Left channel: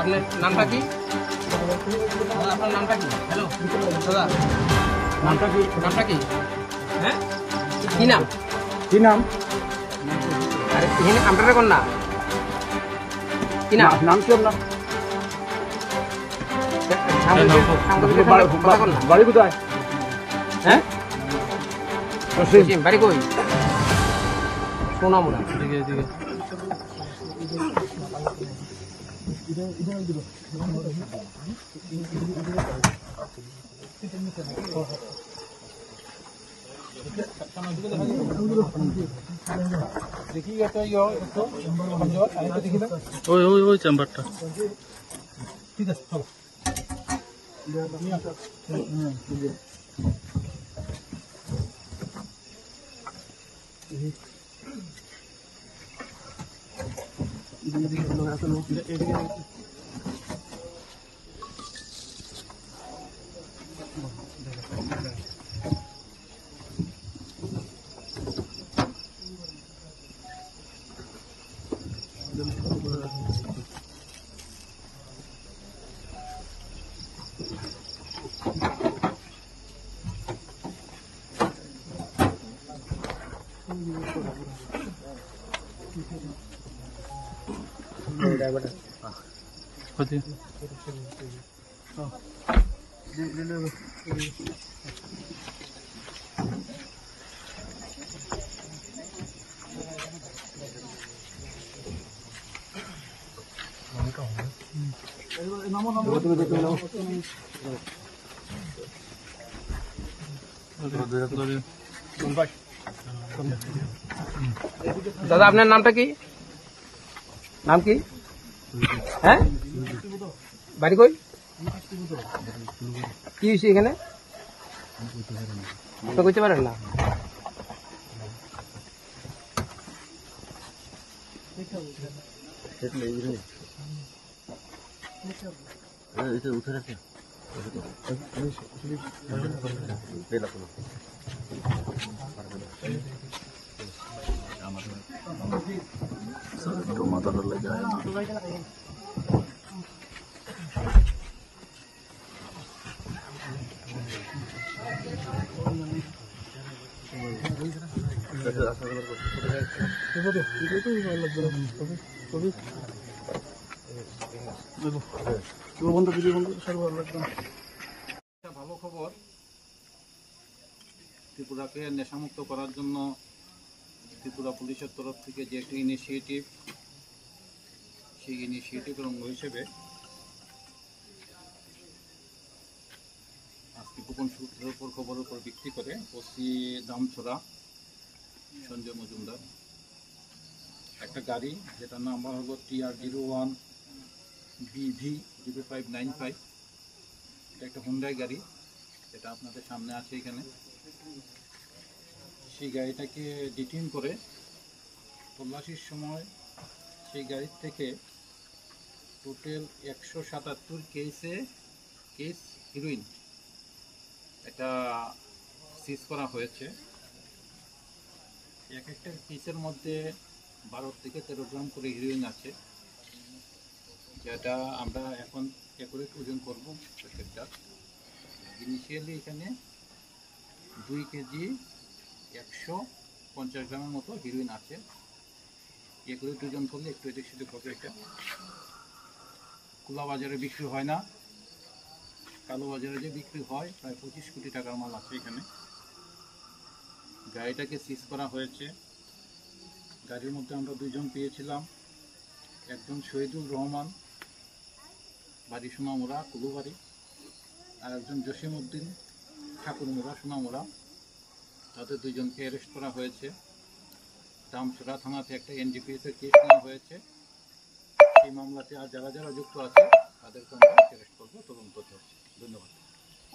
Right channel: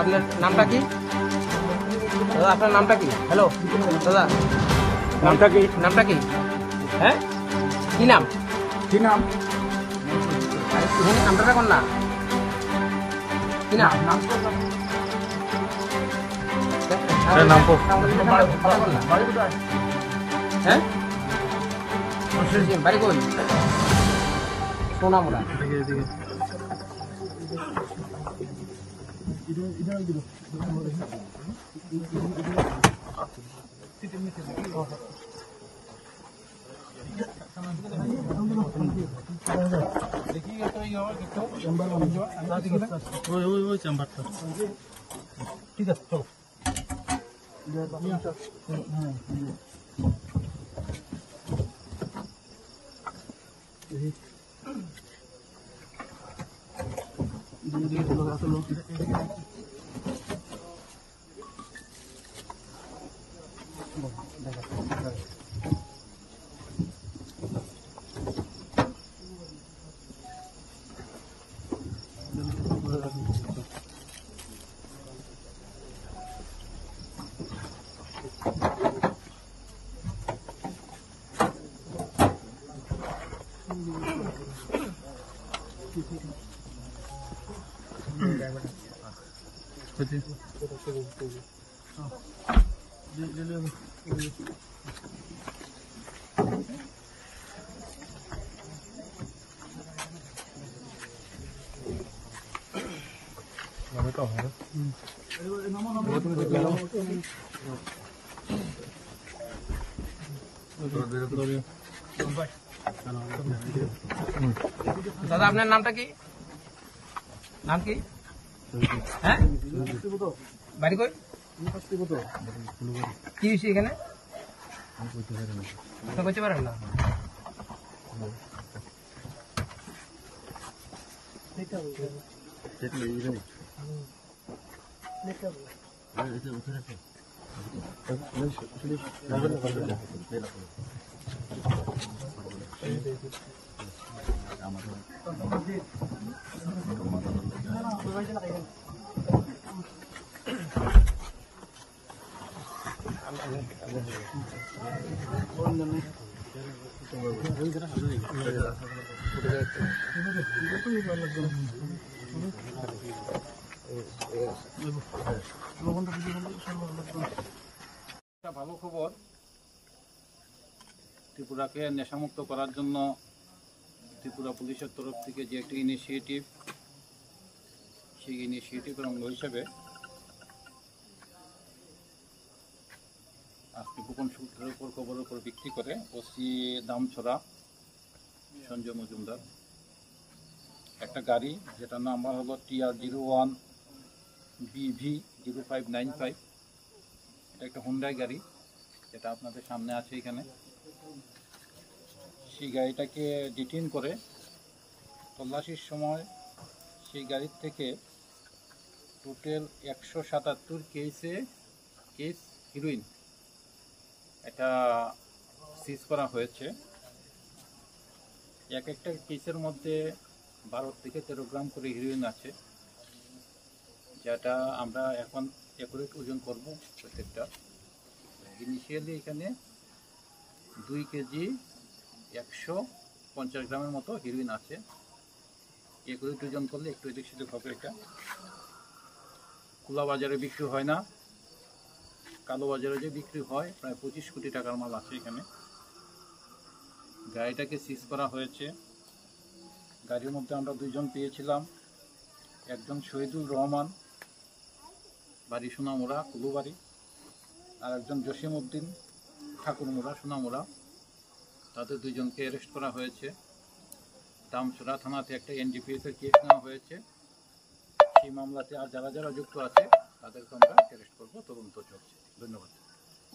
আপনার নামটা কি? আপনার নামটা কি? হ্যালো দাদা, নামটা কি? নামটা কি? হ্যাঁ, কি নাম? কি নাম? আরে এখানে নামটা কোন না? কি নাম? নাম কি আপনার? কথা কোন না? বাড়ি কোথায়? হ্যাঁ, বাড়ি কই? সোনামুড়া। দেখি একটু চেম্বার ওই চেম্বারটা ঠিক আছে চলো। দাদা আপনার নামটা কি? নাম কি? হ্যাঁ, বাড়ি কই? কি হয়েছে এখানে? তো কইতে পারেন না? ভালো খবর, ত্রিপুরাকে নেশামুক্ত করার জন্য ত্রিপুরা পুলিশের তরফ থেকে যে একটি ইনিশিয়েটিভ, সেই ইনিশিয়েটিভের অঙ্গ হিসেবে আজকে গোপন সূত্রের উপর খবরের উপর ভিত্তি করে ওসি দামছড়া সঞ্জয় মজুমদার একটা গাড়ি, যেটার নাম্বার হলো TR01 BV0595, এটা একটা হুন্ডাই গাড়ি, এটা আপনাদের সামনে আছে এখানে। সেই গাড়িটাকে ডিটেইন করে তল্লাশির সময় সেই গাড়ির থেকে টোটাল 177 কেস হিরোইন এটা সিজ করা হয়েছে। এক একটা কেসের মধ্যে 12 থেকে 13 গ্রাম করে হিরোইন আছে, যেটা আমরা এখন অ্যাকুরেট ওজন করব প্রত্যেকটা। ইনিশিয়ালি এখানে 2 কেজি 150 গ্রামের মতো হিরোইন আছে। অ্যাকুরেট ওজন করলে একটু এদিক সেদিক হবে। এটা খোলা বাজারে বিক্রি হয় না, কালো বাজারে যে বিক্রি হয় প্রায় 25 কোটি টাকার মাল আছে এখানে। গাড়িটাকে সিজ করা হয়েছে। গাড়ির মধ্যে আমরা 2 জন পেয়েছিলাম, একজন শহীদুল রহমান, বাড়ি সোনামুড়া কুলুবাড়ি, আর একজন জসিম উদ্দিন ঠাকুরমুড়া সোনামুড়া। তাদের 2 জনকে অ্যারেস্ট করা হয়েছে। দামছড়া থানাতে একটা NDPS এর কেস নেওয়া হয়েছে। সেই মামলাতে আর যারা যারা যুক্ত আছে তাদেরকে আমরা অ্যারেস্ট করবো, তদন্ত চলছে। ধন্যবাদ।